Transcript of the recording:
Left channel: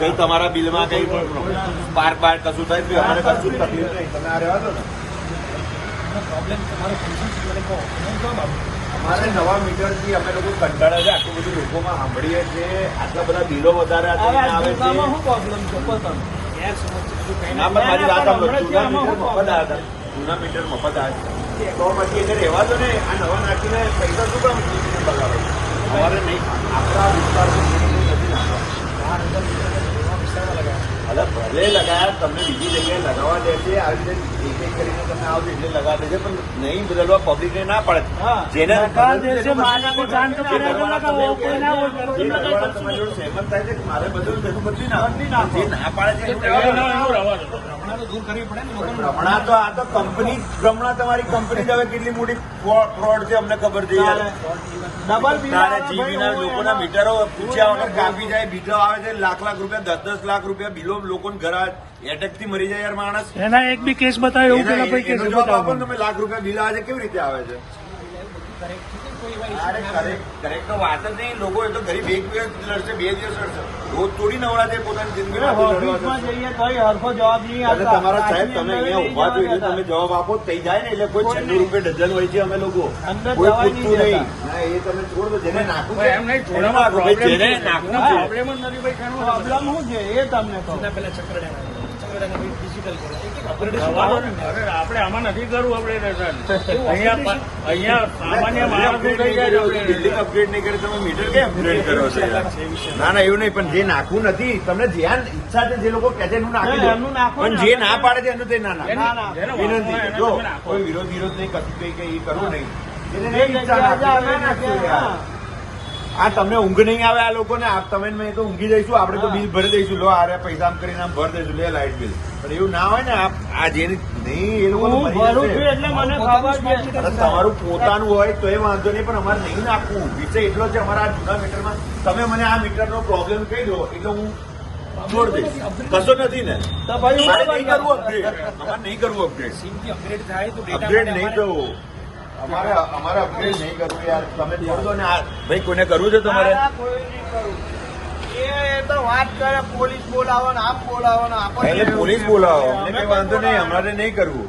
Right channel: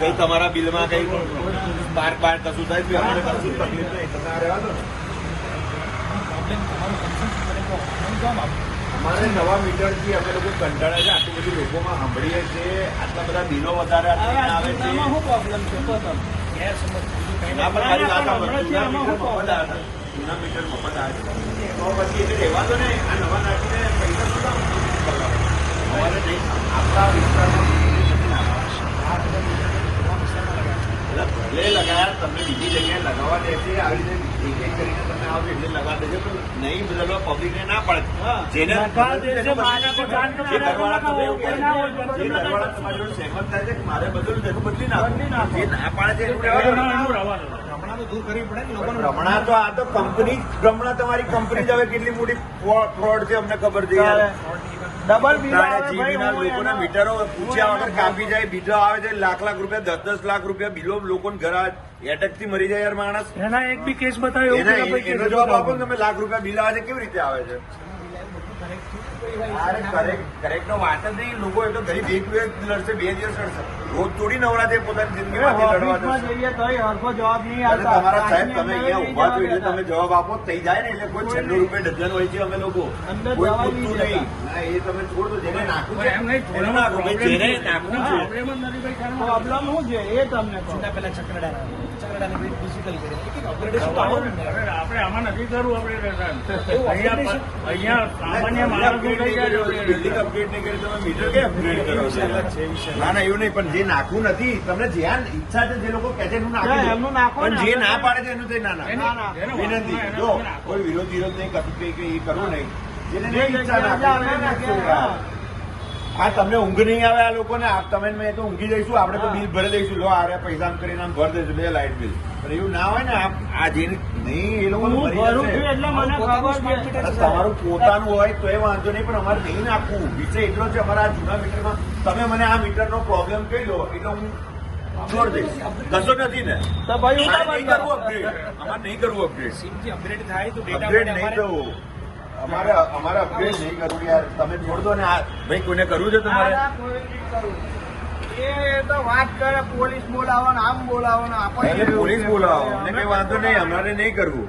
કઈ તમારા બિલમાં કઈ બાર કશું થાય છે અમારે કશું તકલીફ નહીં, તમે આ રહેવા દો ને. અમારે નવા મીટર થી અમે લોકો કંટાળ્યા છે, આટલું બધું લોકોમાં સાંભળીએ છીએ, આટલા બધા બિલો વધારે આવે છે. જૂના મીટર મફત આવે છે તો પછી એને રહેવા દો ને. આ નવા નાખીને પૈસા શું કામ બગાડો? અમારે નહીં, આપણા વિસ્તાર ભલે લગાયા, તમને બીજી જગ્યાએ લગાવવા દે છે. આ રીતે કરીને તમે આ રીતે લગાવી દેજો, પણ નહીં બદલવા પબ્લિક ને ના પડે. જેને સહેમત થાય છે મારે બદલવું તેનું બદલી ના પાડે છે. હમણાં તો આ તો કંપની હમણાં તમારી કંપની હવે કેટલી મોટી ફ્રોડ છે અમને ખબર છે. ડબલ લોકોના મીટરો પૂછ્યા વગર કાપી જાય, બીજો આવે છે લાખ રૂપિયા 10 લાખ રૂપિયા બિલો લોકોને ઘર એટક થી મરી જાય યાર માણસ. એના એક બી કેસ બતાવ્યો એનો જવાબ આપો ને તમે. લાખ રૂપિયા બિલ આવે છે કેવી રીતે આવે છે? કરેક્ટ તો વાત જ નહીં. લોકો એ તો ગરીબ એક દિવસ લડશે, 2 દિવસ લડશે, રોજ થોડી નવરા છે પોતાની જિંદગી તમારા સાહેબ તમે અહીંયા ઉભા છો એટલે તમે જવાબ આપો થઈ જાય ને. એટલે કોઈ 96 રૂપિયા ડઝન હોય છે અમે લોકો અંદર જવાય નહીં. ના એ તમે છોડ દો, જેને નાખવું છે જેને નાખવું છે પ્રોબ્લેમ શું છે એ તમને તો આપણે આમાં નથી કરવું. બિલ્ડિંગ અપગ્રેડ નહીં કરી તમે મીટર કે અપગ્રેડ કરો છો? ના ના એવું નહીં, પણ જે નાખવું નથી તમને જ્યાં ઈચ્છા છે જે લોકો કહે છે એનું નાખો, પણ જે ના પાડે છે એનું તે ના નાખો. વિનંતી જો કોઈ વિરોધ નહીં કશું કે એ કરવું નહીં. હા તમને ઊંઘ નહીં આવે આ લોકોને. તમે મેં તો ઊંઘી જઈશું, આપણે તો બિલ ભરી દઈશું, લો આ પૈસા આમ કરીને આમ ભરી દઈશું, લે લાઇટ બિલ. પણ એવું ના હોય ને. આ જેની નહીં એ લોકો તમારું પોતાનું હોય તો એ વાંધો નહીં, પણ અમારે નહીં આપવું. વિષય એટલો છે અમારા જૂના મીટરમાં. તમે મને આ મીટરનો પ્રોબ્લેમ કહી દો એટલે હું છોડ દઈશ. કશો નથી ને તો ભાઈ નહીં કરવું અપગ્રેડ થાય તો અપગ્રેડ નહીં થવું. અમારે અપગ્રેડ નહીં કરવું યાર. તમે છોડ દો ને. ભાઈ કોને કરવું છે તમારે? પોલીસ બોલાવો અમને કઈ વાંધો નહીં, અમારે નહીં કરવું.